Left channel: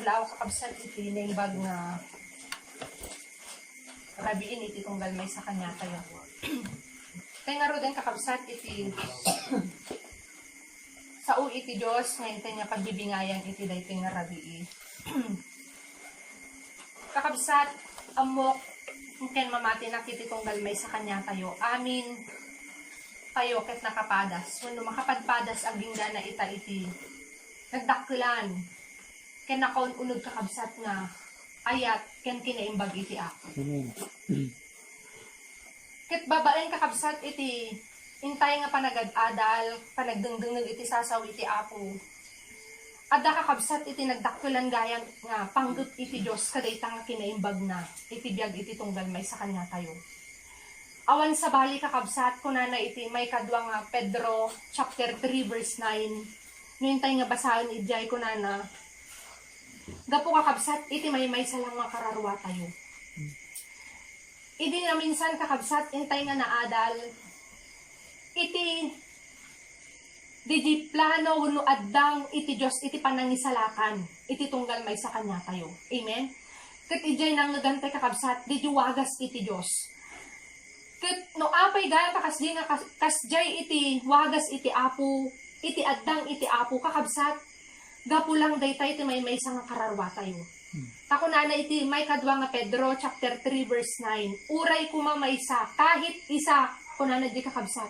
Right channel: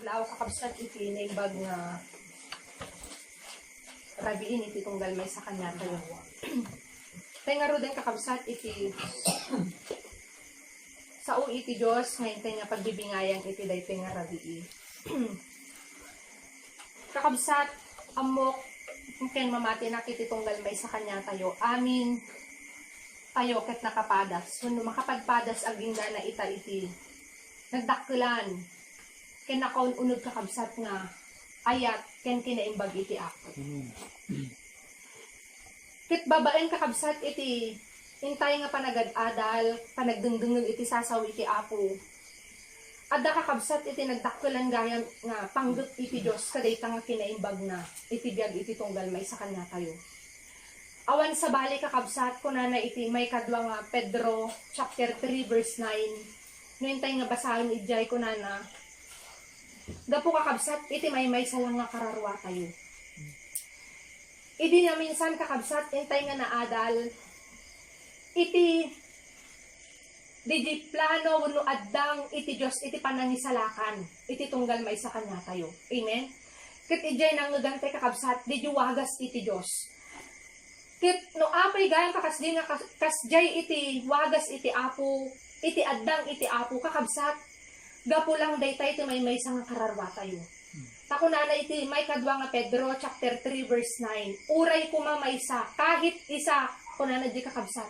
adlaw kakabsat iti naimbag nga rabiin iti tunggal may sa kanya kayo. Kaya nga ro din kakabsat iti sao iti Diyos ngayon tayo nga pagbibingayan iti daytoy nga rabii. Kakabsat amok ken mamati na kiti tunggal may sa kanya tayo. Amin tayo ket nakapadas. Kuno makapagpadas aging na ita iti nagdakkelan ken nakaon unod kakabsat nga ayat ken kinaimbag iti ako. Ket babaen kakabsat iti intay nga panagad-adal panagdungdungog iti sasaw iti apo. Adda kakabsat iti nagdakkelan gayan nga panggut iti Dios kadayta nga kinaimbag na iti biag iti tunggal may sa kanya tayo. Awan sa bali kakabsat kunana iti may kadwa nga Pedro chapter 3 verse 9. Nintay nga basahin ijay kunana. Gapo kakabsat iti may salang nga kararwa tayo. Idi na minsan kakabsat intay nga naadal iti plano wenno addang iti Dios iti panangisalakan iti tunggal may sa kanya tayo. Amen. Ket ijay nang nagantay kakabsat di wagas iti Dios. Ket no apay gayan kakasdi nga kasjay iti wagas iti apo iti addang iti apo kakabsat gapo lang daytay iti may nga kararwa tayo. Takunana iti may kadwa nga Pedro chapter 3 verse 9. Uray kumamaysa kahit isa kunana di kakabsat.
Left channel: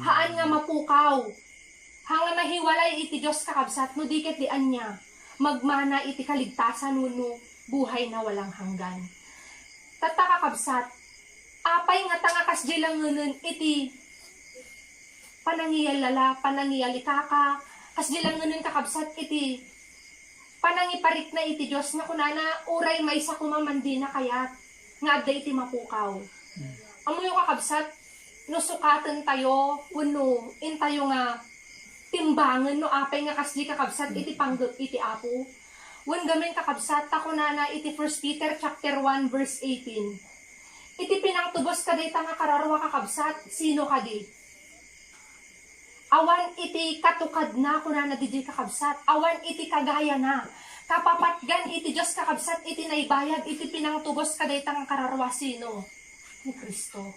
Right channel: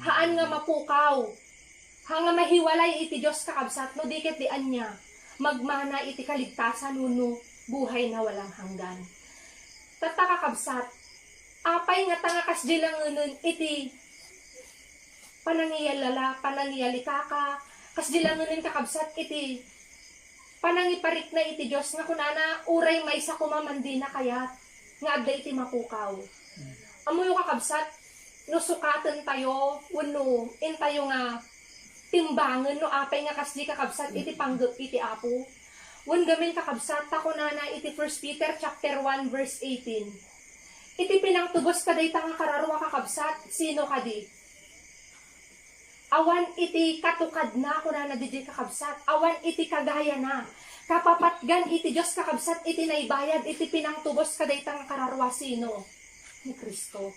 Haan nga mapukaw. Hanga mahiwalay iti Dios kakabsat no diket di anya magmana iti kaligtasan wenno buhay na walang hanggan. Tatta kakabsat apay nga tanga kasdi lang ngunon iti panangiyalala, panangiyalikaka, kasdi lang ngunon kakabsat iti panangiparik na iti Dios nga kunana uray maysa kumamandi na kayat nga adda iti mapukaw. Amoy kakabsat no sukaten tayo wenno intayo nga timbangan no apay nga kasdi kakabsat iti panggut iti apo. Wen gamin kakabsat ta kunana iti 1 Peter chapter 1 verse 18. Iti pinangtubos kadayta nga kararwa kakabsat sino kadi? Awan iti katukad na kunana di kakabsat. Awan iti kagaya na. Kapapatgan iti Dios kakabsat iti naibayad iti pinangtubos kadayta nga kararwa sino? Ni Kristo.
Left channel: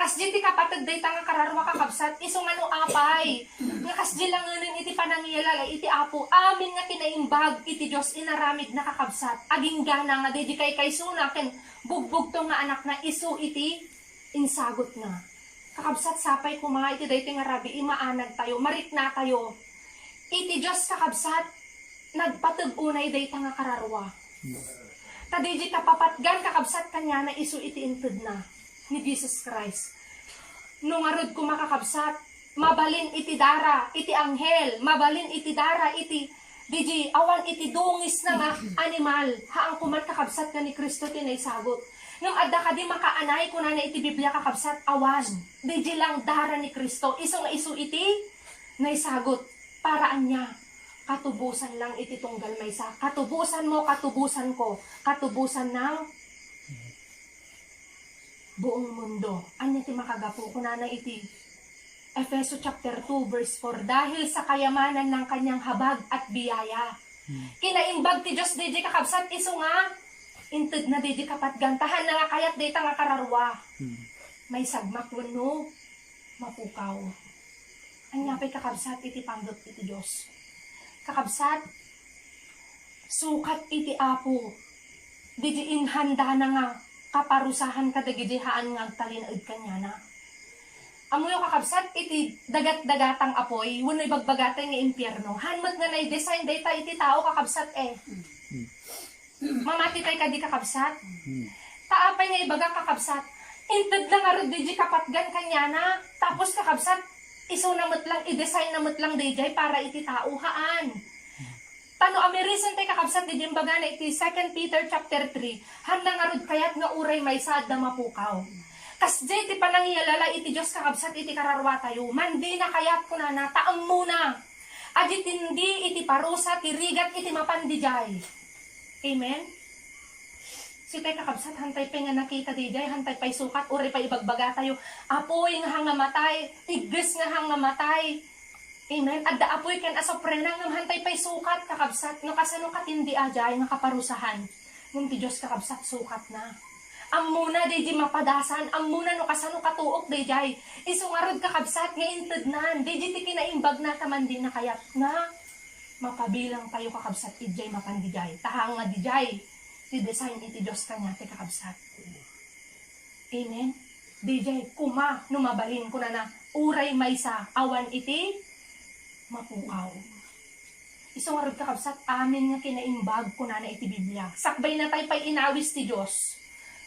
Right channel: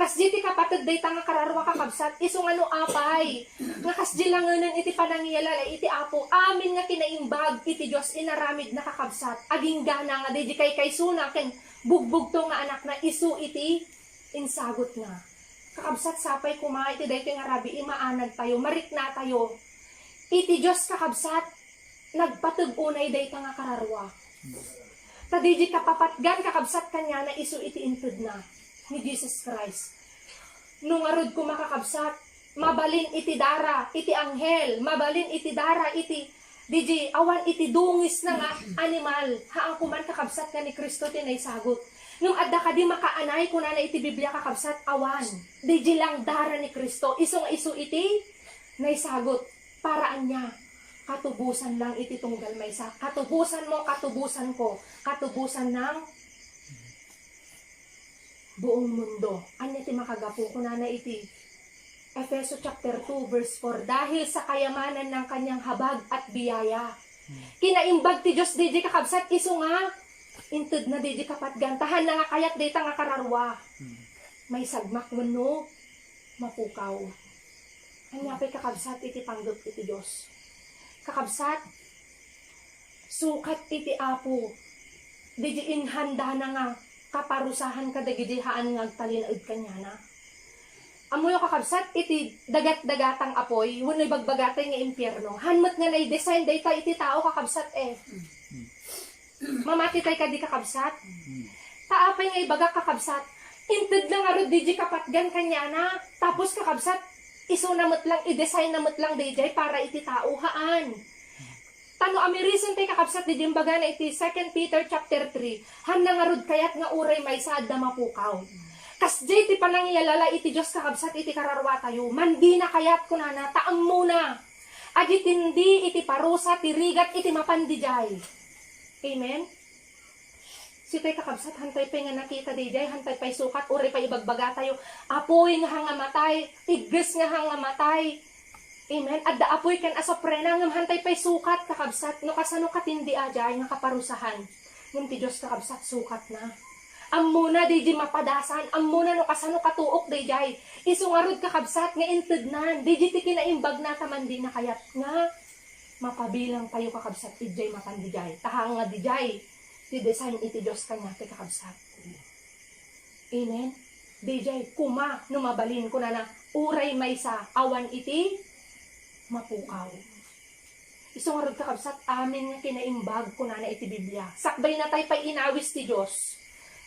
Kasdi ti kapatid dayta nga kararwa kakabsat iso nga no apay. Nga kasdi lang ngunon iti panangiyalala iti apo. Amin nga kinaimbag iti Dios inaramid na kakabsat. Aging gana nga di kay suna ken bugbog to nga anak na isu iti insagot na. Kakabsat sapay kuma iti daytoy nga rabi imaanag tayo, marikna tayo. Iti Dios kakabsat nagpateg unay dayta nga kararwa. Tadiji kapapatgan kakabsat kanya na isu iti inted na ni Jesus Christ. Nung arod kuma kakabsat, mabalin iti dara, iti anghel, mabalin iti dara, iti DJ, awan iti dungis na nga animal. Haang kuman kakabsat ka ni Kristo tinay sagot. Nung adda ka di makaanay kunana iti Biblia kakabsat awan. DJ lang dara ni Kristo. Iso nga isu iti naisagot. Paraan niya. Katubusan lang iti tunggal maysa. Katubusan mo, katubusan ko. Katubusan ng buong mundo. Anya ti makagapo kunana iti Efeso chapter 2 verse 4. Dahil sa kayamanan ng kanyang habag at biyaya. Kinaimbag ti Diyos DJ kakabsat iso nga. Inted na DJ kapatgantahan na nga kayat dayta nga kararwa. May sagmak wenno mapukaw. Anyapay kakabsat iti pangdot iti Diyos. Kakabsat sukat iti apo. DJ inhanda na nga kaparusahan kadagidihaan nga agtalinaed kanya na. Amoy kakabsat iti dagat-dagatang apoy, wenno'y bagbagatay nga impyerno. Hanmat nga na-design dayta iti tao kakabsat eh. Mamati tay kadi kakabsat. Taapay nga ibaga kakabsat. Inted lang arod di kapatgan kanya na. Tapos kakabsat, iso namat lang, i-design namat lang dayjay para iti tao haan. Tano amerisan tay kakabsat di baga na iti 2 Peter chapter 3. Hanang arod kayat nga uray may saad na mapukaw. Kasdi ti panangiyalala iti Dios kakabsat iti kararwa tayo. Mandi na kayat kunana taang muna. Adi tindi iti parusa ti rigat iti mapandijay. Amen. Si tay kakabsat hantay pa nga nakita dijay, hantay pa'y sukat uri pa ibagbaga tayo. Apoy nga hanga matay, tigres nga hanga matay. Amen. At daapoy kan asoprena ngam hantay pay sukat kakabsat no kasano katindi ajay nga kaparusahan. Ngam ti Diyos kakabsat sukat na. Amuna di mapadasan, amuna no kasano katuok di jay. Isungarod kakabsat nga intudnan, di ti kinaimbag na tamandi na kayat nga mapabilang kayo kakabsat ijay mapandijay. Tahang nga dijay, ti design iti Diyos kanya ti kakabsat. Amen. Dijay kuma numabalin ko na uray maysa awan iti mapukaw. Isungarod kakabsat amin nga kinaimbag ko na iti Biblia. Sakbay na tayo pa'y inawis ti Diyos.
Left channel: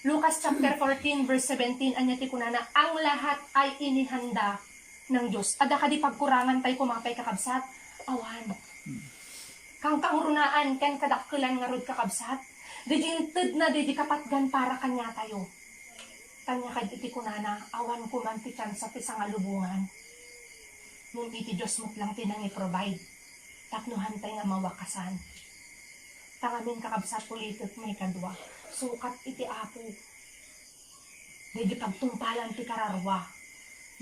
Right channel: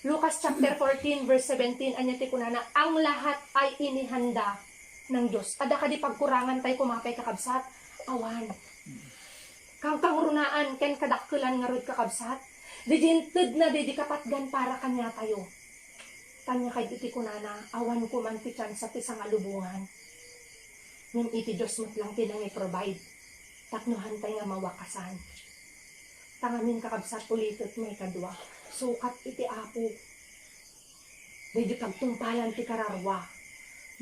Lucas chapter 14 verse 17 anya ti kunana ang lahat ay inihanda ng Diyos. Ada ka di pagkurangan tayo kumapay kakabsat awan. Kang runaan ken kadakkelan nga rod kakabsat. Dijinted na di kapatgan para kanya tayo. Kanya kay iti kunana awan ko man ti sa ti sangalubungan. Nung iti Diyos mo't lang tinang i-provide. Taknuhan tayo nga mawakasan. Tangamin kakabsat ulitot may kadwa. Sukat iti apo. Dahil pagtungpalan ti kararwa.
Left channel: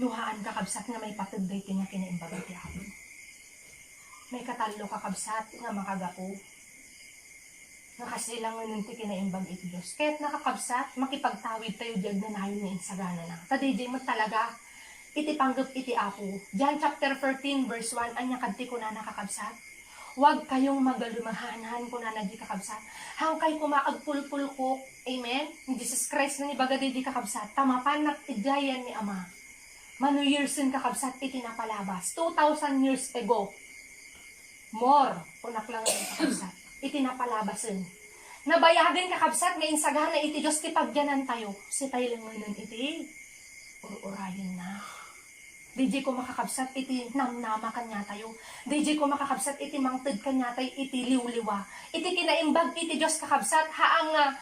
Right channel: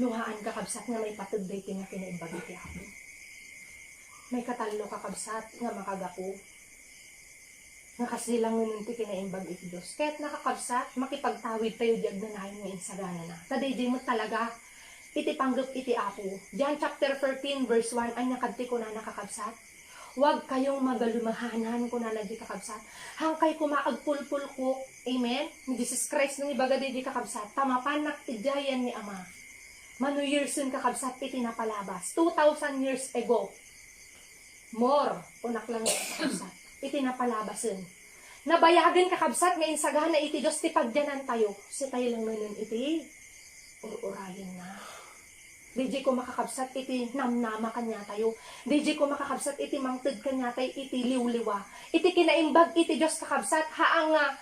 Nuhaan kakabsat nga may patugday ti nga kinaimbag iti apo. May katalo kakabsat nga makagapo. Nga kasilang ngunun ti kinaimbag iti Diyos. Kaya't nakakabsat, makipagtawid tayo diag na nahin nga insagana na. Taday mo talaga iti panggap iti apo. John chapter 13 verse 1 anya kadti ko na nakakabsat. Huwag kayong magalumahanan ko na di kakabsat. Hangkay kumaagpulpulkok. Amen? Ni Jesus Christ na ibaga di kakabsat. Tamapanak idyayan ni Ama. Mano years yun kakabsat iti napalabas. 2,000 years ago. More. Unak lang yung kakabsat. Iti napalabas yun. Nabayagan kakabsat ngayon sagana iti Diyos ti pagyanan tayo. Si tayo lang nun iti urayan na. DJ ko makakabsat iti namnama kanya tayo. DJ ko makakabsat iti mangted kanya tayo iti liwliwa. Iti kinaimbag iti Diyos kakabsat haang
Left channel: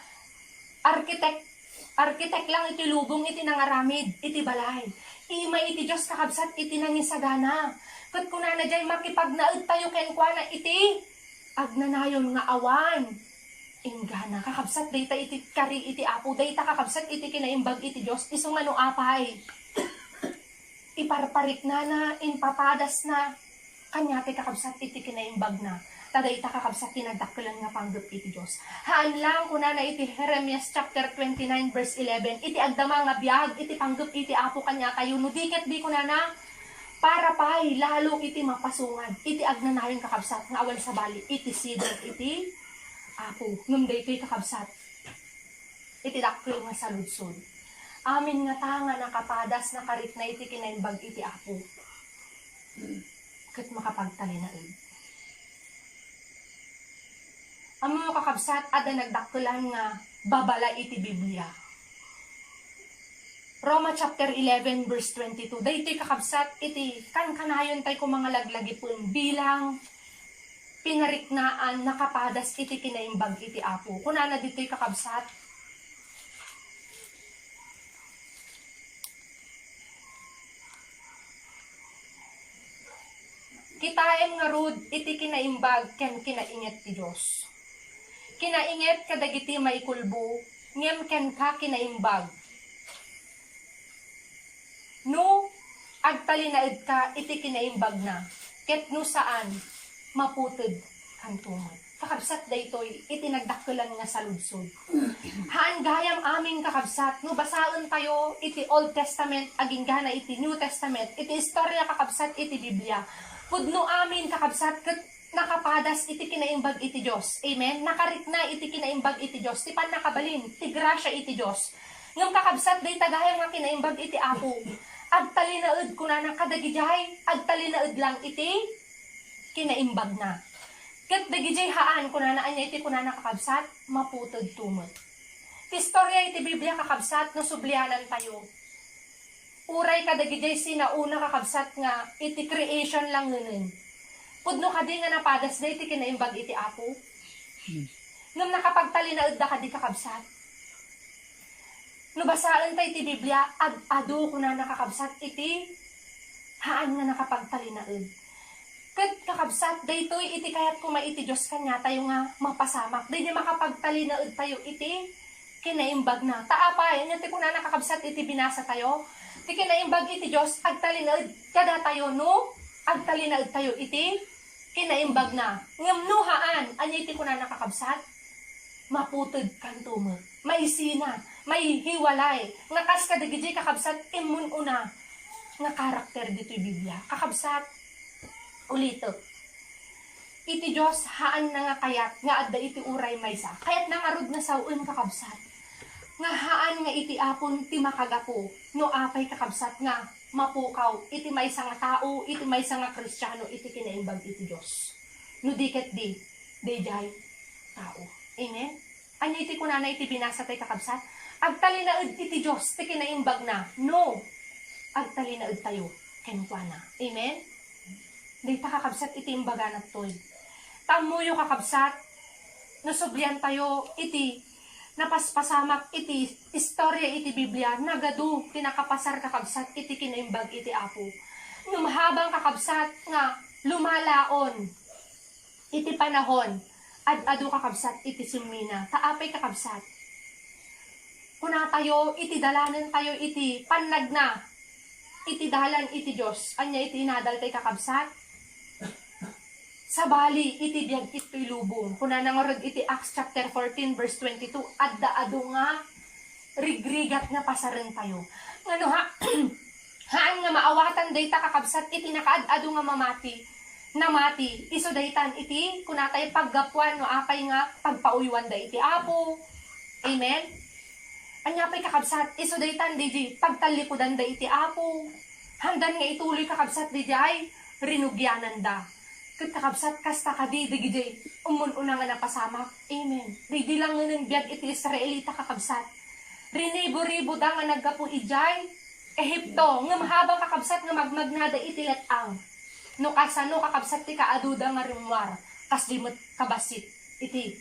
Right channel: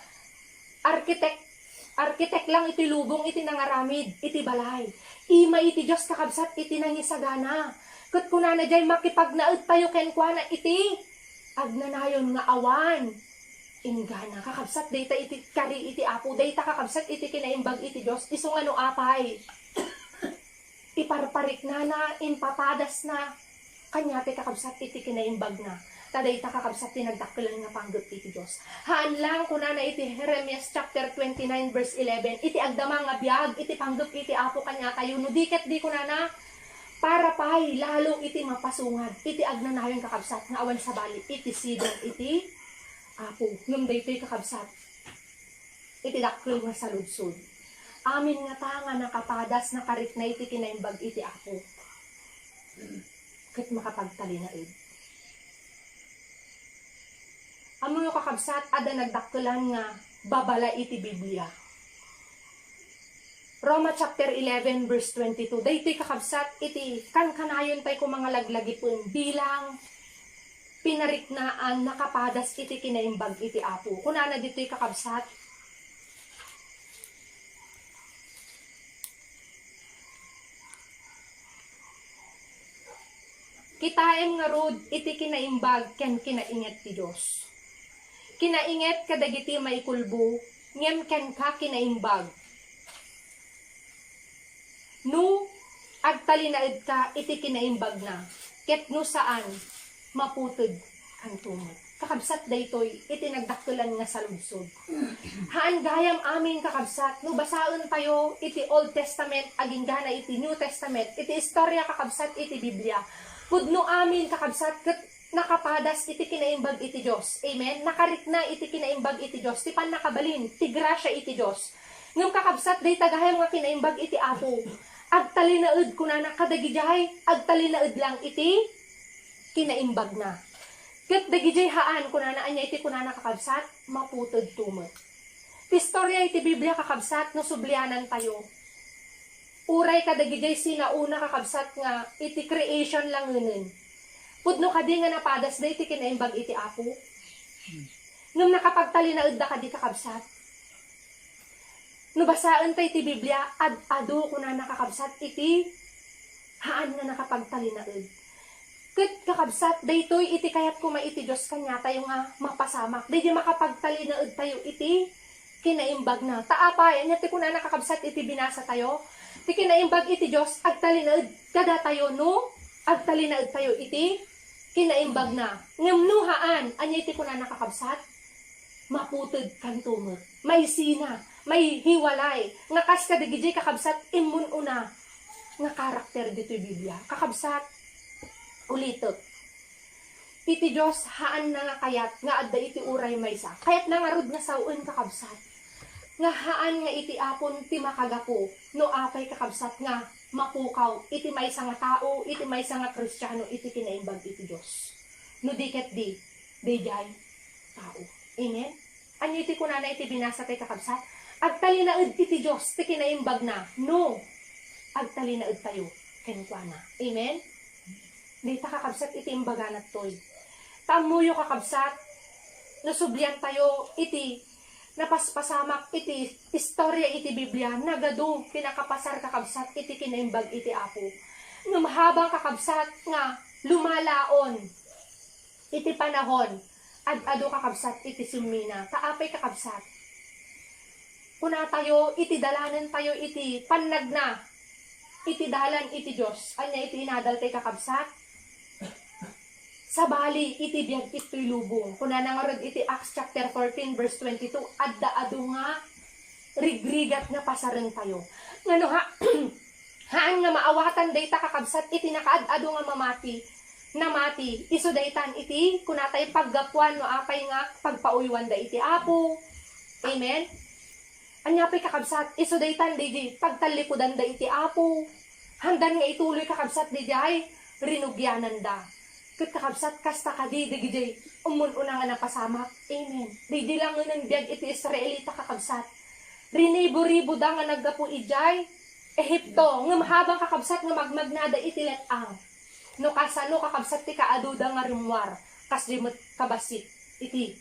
arkitek lang iti lubong iti nangaramid iti balay. Ima iti Diyos kakabsat iti nangisagana. Kat kunana jay makipagnaed tayo kenkwana iti agnanayon nga awan. Ingana kakabsat dayta iti kari iti apo dayta kakabsat iti kinaimbag iti Diyos iso nga no apay. Iparparik na, inpapadas na, kanya ti kakabsat iti kinaimbag na. Taday ta kakabsat tinagdakkelan nga panggap iti Diyos. Haan lang kuna na iti Jeremias chapter 29 verse 11, iti agdama nga biyag, iti panggap iti apo kanya tayo, no diket di kuna na, para pa'y lalo iti mapasungad, iti agnanayon kakabsat, nga awan sa bali, iti sidon, iti apo. Ngum daytoy kakabsat, iti dakkel nga saludsod. Amin nga tanga nakapadas nakarit na iti kinaimbag iti apo. Kat makapagtalinaid. Amo kakabsat ada nagdakkelan nga babala iti Biblia. Roma chapter 11 verse 22. Daytoy kakabsat iti kankanayon tay ko mga laglagi po bilang pinariknaan nakapadas iti kinaimbag iti apo. Kunana ditoy kakabsat kitaem nga rod iti kinaimbag ken kinainget ti Dios. Kinainget kadagiti maikulbo ngem ken ka kinaimbag. No agtalinaed ka iti kinaimbag na ket no saan maputed kan tumod. Kakabsat daytoy iti nagdakkelan nga saludsod. Haan gayam amin kakabsat no basaon tayo iti Old Testament aging gana iti New Testament iti istorya kakabsat iti Biblia. Pudno amin kakabsat ket nakapadas iti kinaimbag iti Dios. Amen. Nakarikna iti kinaimbag iti Dios. Ti pan nakabalin ti grasya iti Dios. Ngem kakabsat day tagayam nga kinaimbag iti apo. Agtalinaed kunana kadagijay agtalinaed lang iti kinaimbag na. Ket dagijay haan kunana anya iti kunana kakabsat maputed tumot. Ti istorya iti Biblia kakabsat no sublianan tayo. Uray kadagijay sinauna kakabsat nga iti creation lang ngunen. Pudno kadi nga napadas da iti kinaimbag iti apo. Ngam nakapagtalinaed da kadi kakabsat. No basaan tayo iti Biblia ado kuna nakakabsat iti haan nga nakapagtalinaed. Ket kakabsat daytoy iti kayat kuma iti Dios kanya tayo nga mapasamak. Daydi makapagtalinaed tayo iti kinaimbag na. Taapay anya ti kuna nakakabsat iti binasa tayo. Ti kinaimbag iti Dios agtalinaed kada tayo no agtalinaod tayo iti kinaimbag na ngamnuhaan anya iti kuna nakakabsat maputod kan tumot may sina may hiwalay nga kas kadigidi kakabsat imun una nga karakter dito'y Biblia kakabsat ulitot iti Diyos haan na nga kayat nga adda iti uray maysa kayat na nga rod na saun kakabsat nga haan nga iti apon ti makagapo no apay kakabsat nga mapukaw iti maysa nga tao iti maysa nga Kristiyano iti kinaimbag iti Diyos no diket di dayjay tao amen anyo iti kunana iti binasa tay kakabsat agtalinaed iti Diyos ti kinaimbag na no agtalinaed tayo kenkwana amen di ta kakabsat iti imbaga na toy tamuyo kakabsat nasublian tayo iti napaspasamak iti istorya iti Biblia nagadu pinakapasar kakabsat iti kinaimbag iti Apo mahabang kakabsat nga lumalaon iti panahon ad-ado kakabsat iti sumina taapay kakabsat kuna tayo iti dalanan tayo iti panagna iti dalan iti Diyos anya iti inadal tay kakabsat sabali iti biyag ito'y lubong. Kuna nangarod iti Acts chapter 14 verse 22, adda-ado nga rigrigat nga pasarin tayo. Ngano ha, haan nga maawatan dayta kakabsat iti nakaad-ado nga mamati, namati, iso daytan iti, kuna tayo paggapuan no apay nga pagpauywan da iti Apo. Amen? Anya pa'y kakabsat, iso daytan di pagtalikudan da iti Apo. Handan nga ituloy kakabsat di jay, rinugyanan da. Kat kakabsat kasta kadi digidi umun-una nga napasamak. Amen. Di lang ng biyag iti Israelita kakabsat. Rinibo-ribo da nga naggapo ijay. Ehipto nga mahabang kakabsat nga magmagnada iti letang. No kasano kakabsat ti kaaduda nga rimwar. Kas di mo't kabasit iti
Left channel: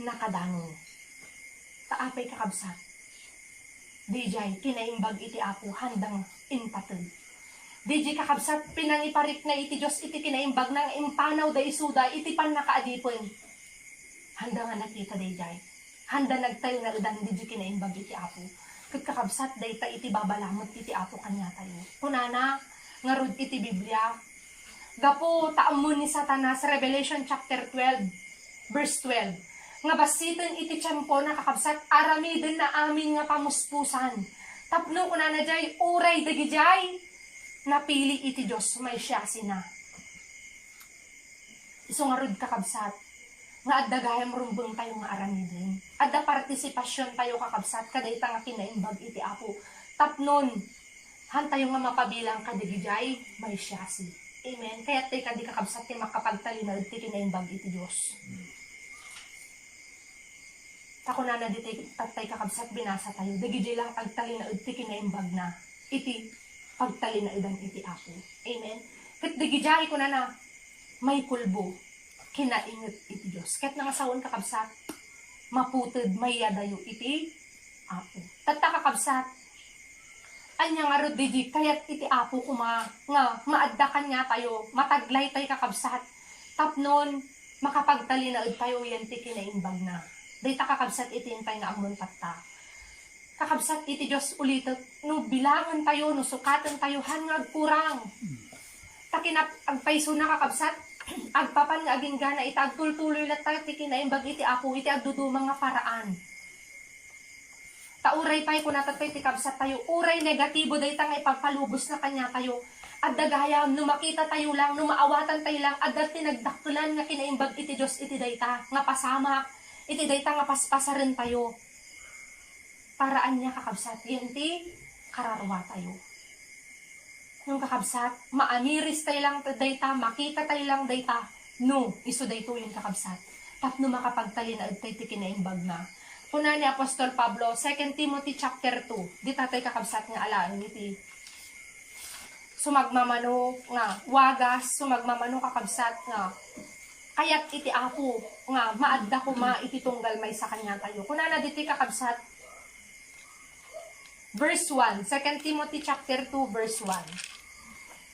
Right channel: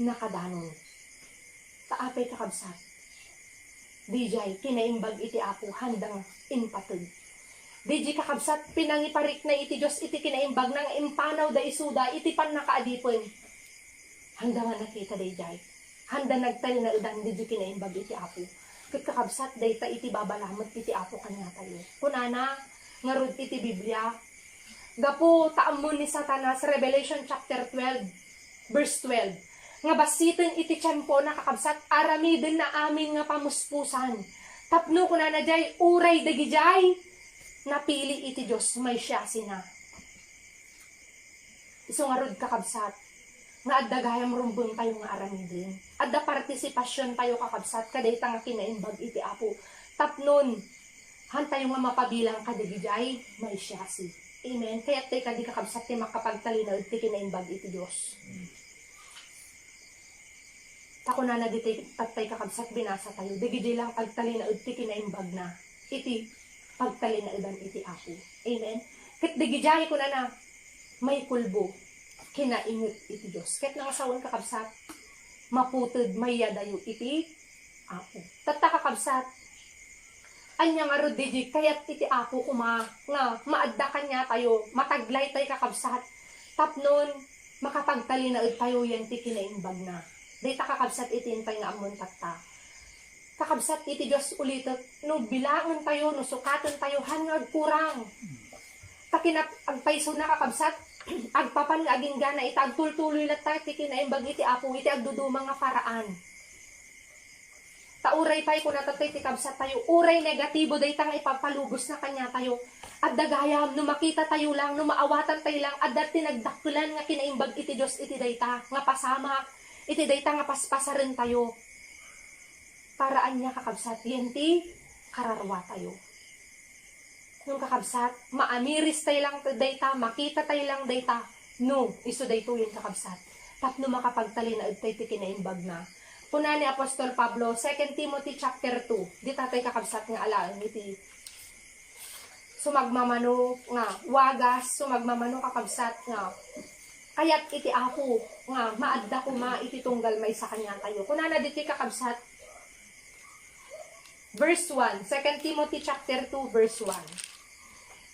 nakadanon. Taapay kakabsat. Dijay kinaimbag iti Apo handang impatid. Di kakabsat pinangiparik na iti Diyos iti kinaimbag nang impanaw da isuda iti pan nakaadipon. Handa nga nakita day jay. Handa nagtayo na udan di kinaimbag iti Apo. Kat kakabsat day ta iti babalamot iti Apo kanya tayo. Kunana nga rod iti Biblia. Gapo taamon ni Satanas Revelation chapter 12 verse 12. Nga basitin iti tiyempo na kakabsat aramiden na amin nga pamuspusan. Tapno kunana jay uray dagi jay. Napili iti Diyos may siya sina. Iso nga rod kakabsat, nga adda gayam rumbong tayo nga aramidin. Adda partisipasyon tayo kakabsat, kadayta nga kinaimbag iti Apo. Tapnon, han tayo nga mapabilang kadigijay, may siya si. Amen. Kaya tayo kadi kakabsat, tayo makapagtalinaw iti kinaimbag iti Diyos. Tako na na dito tatay kakabsat, binasa tayo. Digijay lang agtalinaw iti kinaimbag na. Iti pagtalinaidan iti Apo. Amen. Kat digijay ko na may kulbo, kinaingot iti Diyos. Kat nangasawon kakabsat, maputod may yadayo iti Apo. Tatta kakabsat, anya nga rod digi, kayat iti Apo kuma, nga maadda kanya tayo, mataglay tayo kakabsat, tapnon, makapagtalinaid tayo yan ti kinaimbag na. Dayta kakabsat iti intay nga amon tatta. Kakabsat iti Diyos ulitot, no bilangan tayo, no sukatan tayo, hangag kurang. Takinap, agpaiso na kakabsat, agpapan nga aging gana, itagtultuloy na tayo, tikinaimbag iti Apo, iti agdudumang nga paraan. Tauray tayo kung natatay, tikabsat tayo, uray negatibo, daytang ipapalubos na kanya tayo. At dagayam, no makita tayo lang, no maawatan tayo lang, at dati nagdakulan nga kinaimbag iti Diyos, iti dayta, nga pasamak, iti dayta nga paspasarin tayo. Paraan niya kakabsat, yan ti kararwa tayo. Yung kakabsat, maaniris tayo lang dayta, makita tayo lang dayta, no, iso dayto yung kakabsat. Tapno makapagtalinaad tayo ti kinaimbag na. Kuna ni Apostol Pablo, 2 Timothy chapter 2, di tatay kakabsat nga alaan, iti sumagmamano nga, wagas, sumagmamano kakabsat nga, kayat iti Apo, nga, maadda ko iti tunggal may sa kanya tayo. Kuna na diti kakabsat, verse 1, 2 Timothy chapter 2, verse 1.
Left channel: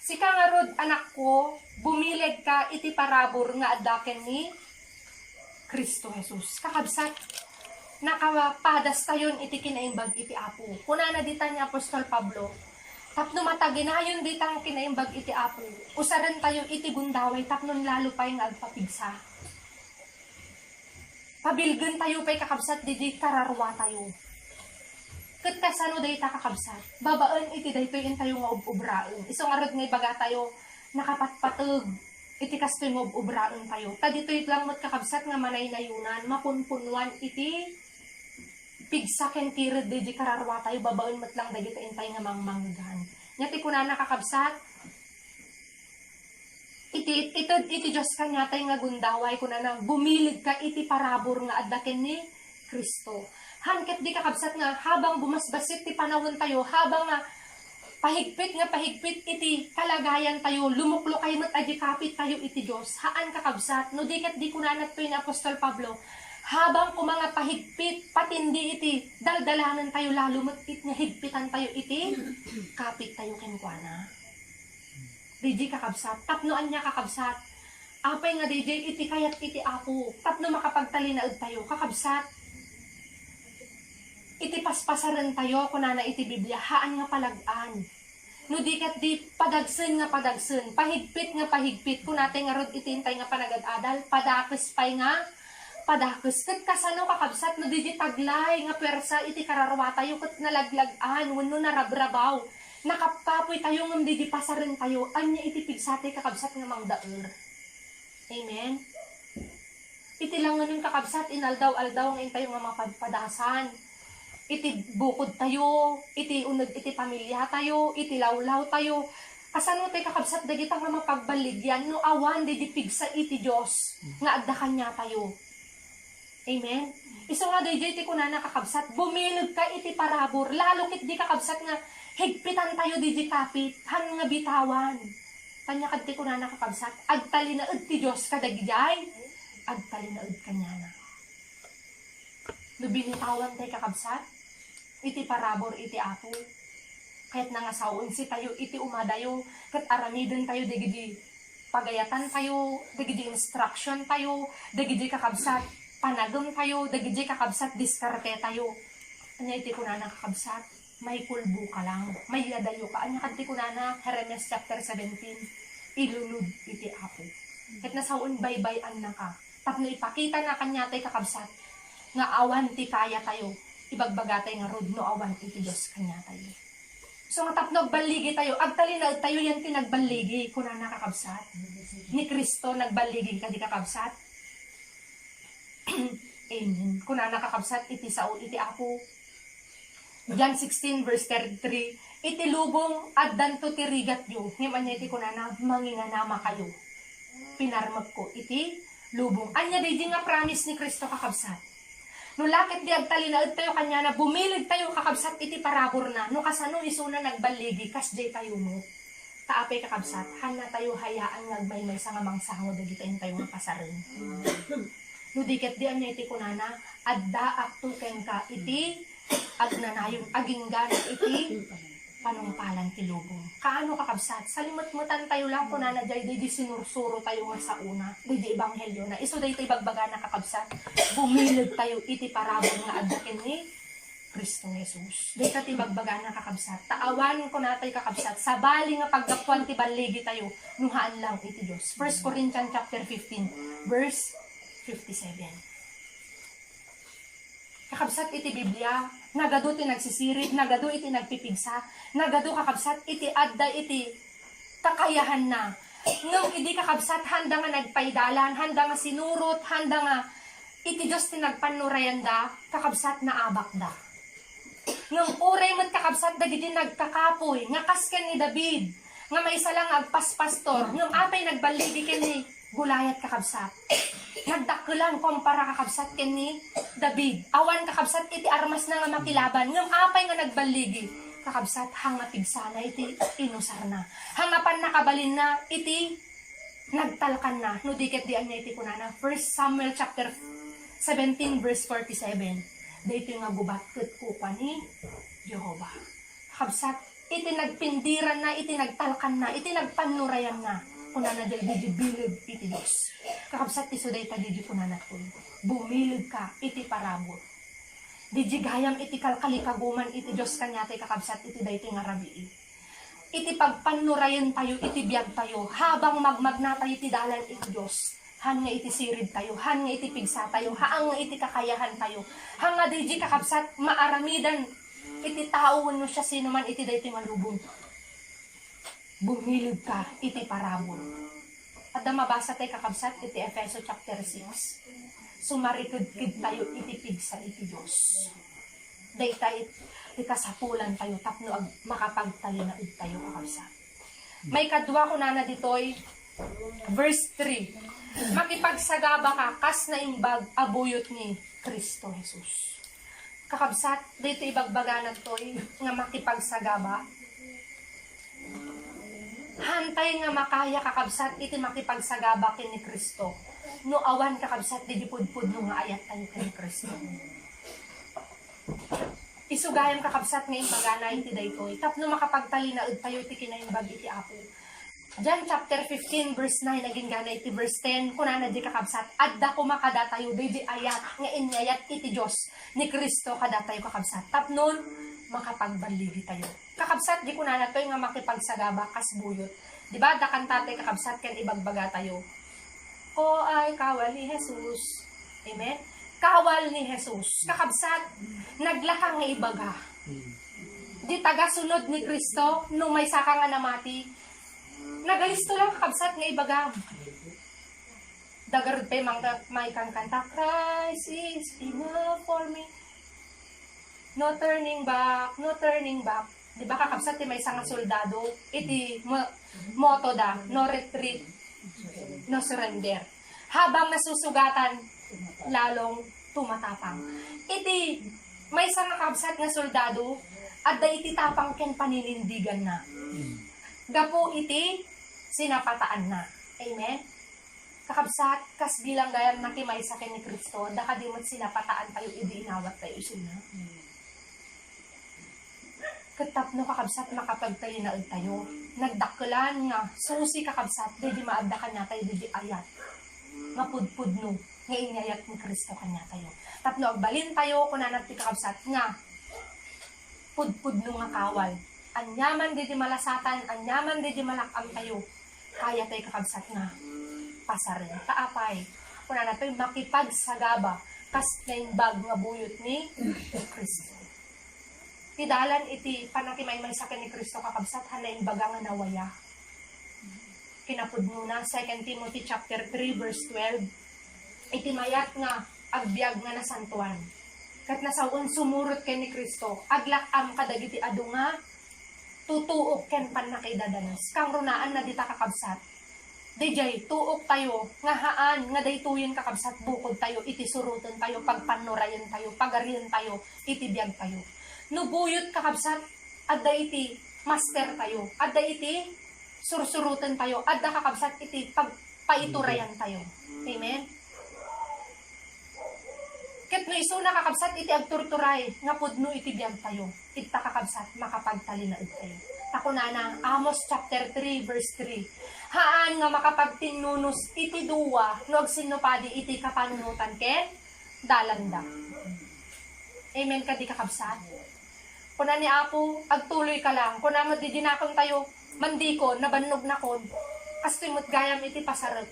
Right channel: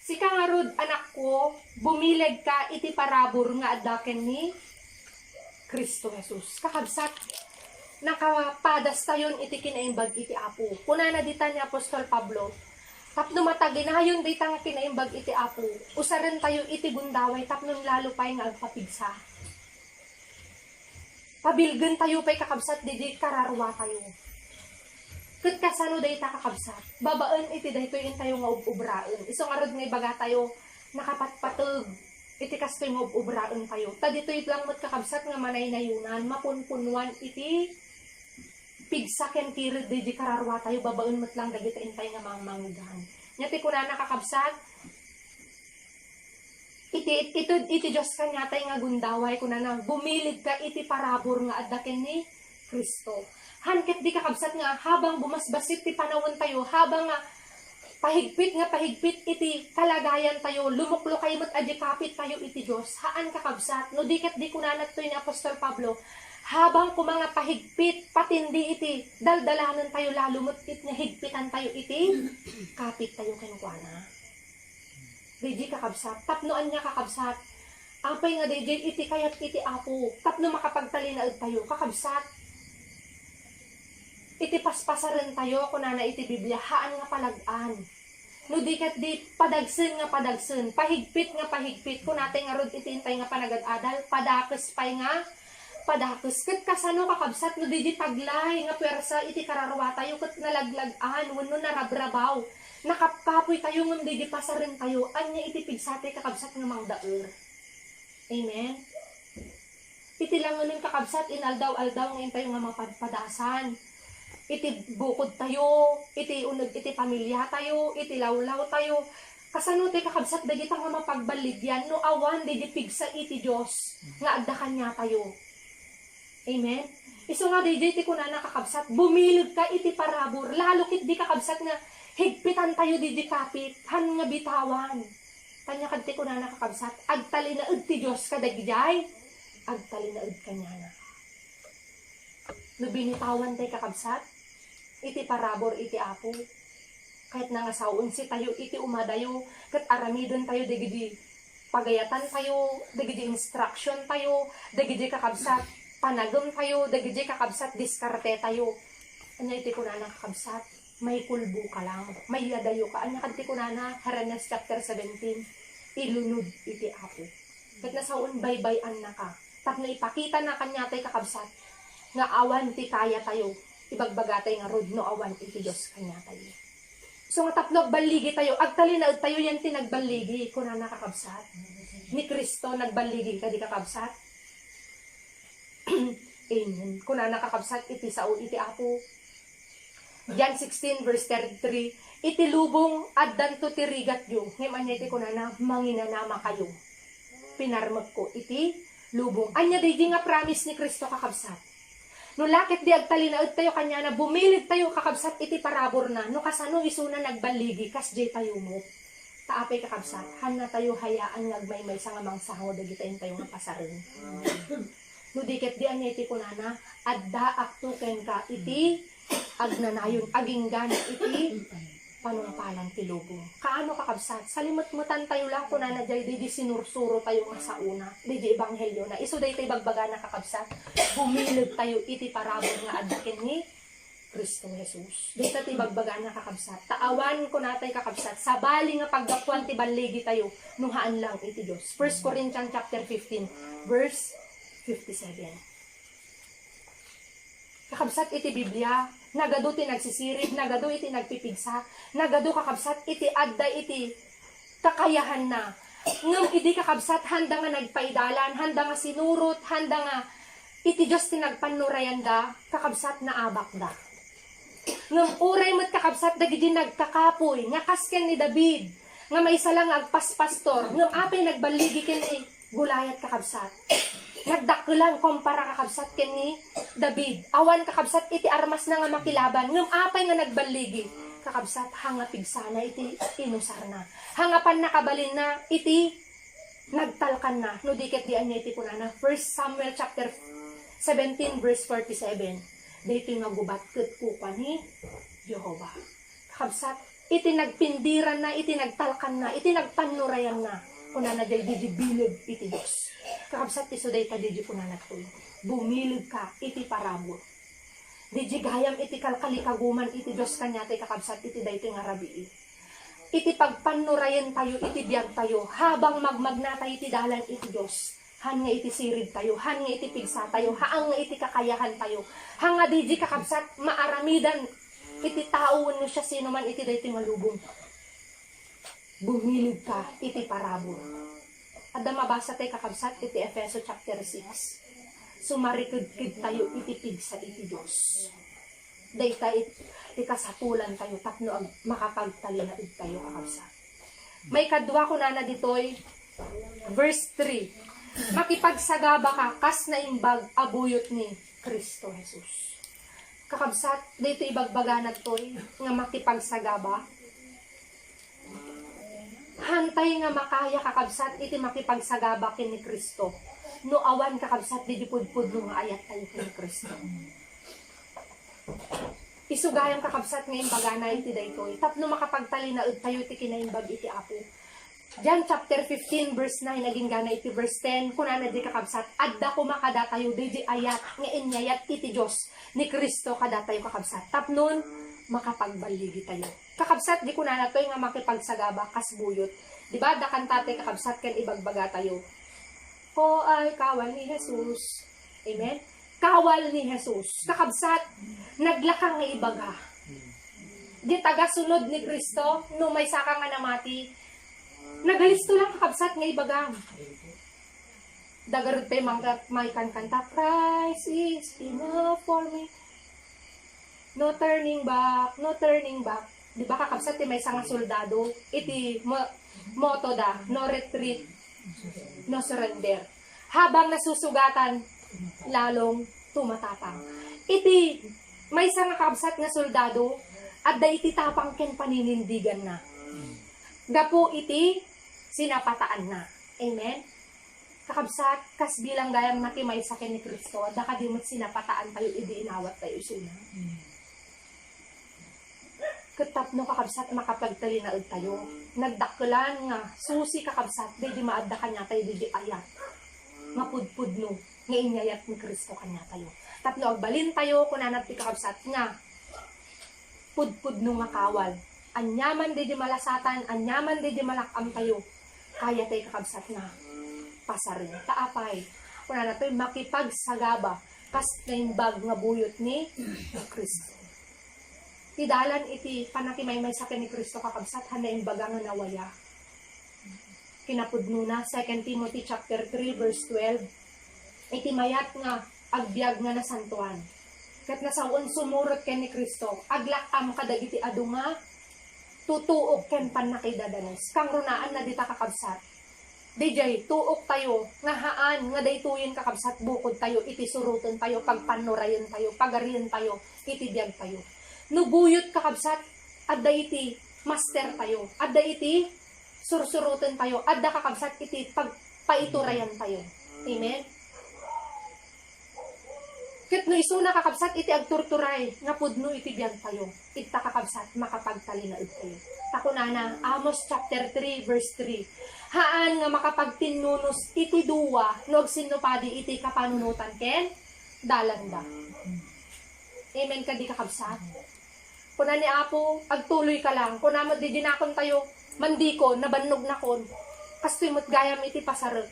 Sika nga rod, anak ko, bumilid ka iti parabor nga adaken ni Kristo Jesus. Kakabsat, nakapadas tayon iti kinaimbag iti Apo. Kuna na dita ni Apostol Pablo, Tapno mataginayon di tang kinaimbag iti apo. Usaren tayo iti gundaway tapnon lalo pa'y nga agpapigsa. Pabilgen tayo pa'y kakabsat di kararwa tayo. Kat kasano day ta kakabsat. Babaan iti daytoy tayo nga ubraen. Isong arad nga ibaga tayo nakapatpatag. Iti kastoy nga ubraen tayo. Ta dito'y lang mat kakabsat nga manay nayunan. Mapunpunwan iti pigsa ken kirid di kararwa tayo, babaon mat lang dagiti intay nga mangmanggan. Nyati ko na nakakabsat, iti Diyos ka nyatay nga gundaway ko na bumilid ka iti parabor nga addaken ni Kristo. Hanket di kakabsat nga, habang bumasbasit ti panawon tayo, habang nga pahigpit iti kalagayan tayo, lumuklo kayo mat adjikapit tayo iti Diyos, haan kakabsat, no diket di kunanat to ni Apostol Pablo, habang kumanga pahigpit, patindi iti, daldalanan tayo lalo matit nga higpitan tayo iti, kapit tayo kenkwana. DJ kakabsat, tapnoan niya kakabsat, apay nga DJ iti kayat iti apo, tapno makapagtalinaod tayo, kakabsat, iti paspasaran tayo, kunana iti Biblia, haan nga palagaan. No dikat di padagsen nga padagsen, pahigpit nga pahigpit, kunate nga rod itintay nga panagad-adal, padakes pay nga, padakes ket kasano kakabsat no di taglay nga pwersa iti kararwa tayo ket nalaglagan wenno narabrabaw nakapkapoy tayo ngem di pasaren tayo anya iti pigsate kakabsat nga mangdaer. Amen. Iti langanon kakabsat inaldaw-aldaw nga tayo nga mapadpadasan. Iti bukod tayo, iti uneg iti pamilya tayo, iti lawlaw tayo. Kasano tayo kakabsat dagita nga mapagbaligyan no awan di pigsa iti Dios nga adda kanya tayo. Amen? Iso nga DJ ti kuna nakakabsat, bumilog ka iti parabor, lalo kit di kakabsat nga, higpitan tayo di kapit, han nga bitawan. Kanya kad ti kuna nakakabsat, agtalinaod ti Diyos kadagijay, agtalinaod kanya na. No binitawan tayo kakabsat, iti parabor iti apo, kahit nangasawon si tayo, iti umadayo, kat aramiden tayo digidi, pagayatan tayo, digidi instruction tayo, digidi kakabsat, panagom tayo, dagiti kakabsat, diskarte tayo. Anya iti kunana kakabsat, may kulbo ka lang, may adayo ka. Anya kanti kunana, Jeremias chapter 17, ilunod iti apo. Ket nasaon baybay-an na ka. Tapno ipakita na kanya tay kakabsat, nga awan ti kaya tayo, ibagbagatay nga rod no awan iti Diyos kanya tayo. So nga tapno agbaligi tayo, agtalinaod tayo yan tinagbaligi, kunana kakabsat. Ni Kristo nagbaligi ka di kakabsat. Amen. Kung na nakakabsat, iti sao, iti apo. John 16 verse 33, iti lubong addan to tirigat yo. Ngayon anya iti kunana, manginganama kayo. Pinarmag ko, iti lubong. Anya di nga promise ni Kristo kakabsat. No lakit di agtalinaod tayo kanya na bumilid tayo kakabsat iti parabor na. No kasano isuna nagbaligi, kasjay tayo mo. Taapay kakabsat, hana tayo hayaan ngagmay-may sa nga mangsango, dagitain tayo nga pasarin. No diket di anya iti kunana, adda akto ken ka iti agnanayon aginggan iti panumpalan ti lubong. Kaano kakabsat? Salimot-mutan tayo lang kunana jay di sinursuro tayo nga sa una, di ebanghelyo na. Iso day tayo bagbaga na kakabsat. Bumilid tayo iti parabor nga adda ken ni Kristo Jesus. Di ka ti bagbaga na kakabsat. Taawan ko natay kakabsat. Sabali nga paggapuan ti baligi tayo, nuhaan lang iti Dios. 1 Corinthians chapter 15 verse 57. Kakabsat iti Biblia, nagado ti nagsisirit, nagado iti nagpipigsa, nagado kakabsat iti adda iti kakayahan na. Ngam idi kakabsat handa nga nagpaidalan, handa nga sinurot, handa nga iti Diyos ti nagpanurayanda, kakabsat na abak da. Ngam uray mat kakabsat dagiti nagkakapoy, nga kasken ni David, nga may isa lang agpaspastor, ngam apay nagbaligi ken ni Gulayat kakabsat. Nagdakulan kumpara kakabsat ken ni David. Awan kakabsat iti armas na nga makilaban. Ngam apay nga nagbaligi. Kakabsat hanga pigsana iti inusar na. Hangapan nakabalin na iti nagtalkan na. No diket di anya iti kunana. 1 Samuel chapter 17 verse 47. Dito nga gubat ket kupa ni Jehovah. Kakabsat iti nagpindiran na, iti nagtalkan na, iti nagpanurayan na. Kunana day di bilog iti Diyos. Kakabsat iso day ta di kunana to. Bumilog ka iti parabor. Di gayam iti kalkalikaguman iti Diyos kanya tay kakabsat iti day nga rabii. iti pagpanurayan tayo, iti biyag tayo, habang magmagna tayo iti dalan iti Diyos. Han nga iti sirid tayo, han nga iti pigsa tayo, haan nga iti kakayahan tayo, hanga di kakabsat, maaramidan, iti tao no siya sino man iti dayti malubong. Bumilid ka, iti parabon. Kada mabasa tayo kakabsat, iti Efeso chapter 6. Sumarikid tayo, iti pigsa iti Diyos. Dayta iti kasapulan tayo, tapno ag makapagtalinaid tayo kakabsat. May kadwa ko na ditoy, verse 3. Makipagsagaba ka, kas na imbag abuyot ni Kristo Jesus. Kakabsat, dito ibagbaga na to'y nga makipagsagaba. Hantay nga makaya kakabsat, iti makipagsagaba kin ni Kristo. No awan kakabsat, di pudpud no nga ayat tayo kin ni Kristo. Isugayan kakabsat nga imbaga na iti daytoy. Tapno makapagtalinaid tayo iti kinaimbag iti Apo. John chapter 15 verse 9 naging gana iti verse 10 kunana di kakabsat adda ko makadatayo di ayat nga inyayat iti Dios ni Kristo kadatayo kakabsat tapnon makapagbaligi tayo kakabsat di kunana toy nga makipagsagaba kas buyot di ba da kantate kakabsat ken ibagbaga tayo ko ay kawal ni Jesus amen kawal ni Jesus kakabsat naglakang nga ibaga di tagasunod ni Kristo nung may saka nga namati nagalisto lang kakabsat nga ibagam. Dagarod tayo may kanta, Christ is enough for me. No turning back, no turning back. Di ba kakabsat may isang soldado, iti motto da, no retreat, no surrender. Habang nasusugatan, lalong tumatapang. Iti may isang kakabsat nga soldado, at da iti tapang ken paninindigan na. Gapo iti sinapataan na. Amen? Kakabsat, kas bilang gayam nakimay sa kin ni Kristo, da kadimot sinapataan tayo, idi inawat tayo sila. Katap no kakabsat, makapagtalinaid tayo. Nagdakulan nga, susi kakabsat, di maadda kanya tayo, di ayat. Mapudpud no, nga inyayat ni Kristo kanya tayo. Tapno, agbalin tayo, kunanat ti kakabsat nga, pudpud no nga kawal. Anyaman di malasatan, anyaman di malakam tayo. Kaya tayo kakabsat nga pasarin. Kaapay, kuna na tayo makipagsagaba kas na imbag nga buyot ni Kristo. Tidalan iti panakimay-may sa ni Kristo kakabsat hana imbaga nga nawaya. Kinapudno na 2 Timothy chapter 3 verse 12. Iti mayat nga agbyag nga nasantuan. Kat nasaon sumurot kay ni Kristo, aglakam kadagiti adu nga tutuok ken panakidadanes. Kang runaan na dita kakabsat. Dijay, tuok tayo, nga haan, nga daytuyin kakabsat, bukod tayo, iti surutan tayo, pagpanurayan tayo, pagarian tayo, iti biyag tayo. Nubuyot kakabsat, adda iti master tayo, adda iti sursurutan tayo, adda kakabsat, iti pagpaiturayan tayo. Amen? Ket no iso nakakabsat iti agturturay nga pudno iti biyag tayo. Ita kakabsat makapagtalinaid tayo. Takunana Amos chapter 3 verse 3. Haan nga makapagtinunus iti duwa no sinupadi iti kapanunutan ken dalanda. Amen kadi kakabsat. Kuna ni Apo agtuloy ka lang. Kuna mo di dinakon tayo mandikon nabannog nakon. Kastimot gayam iti pasarot.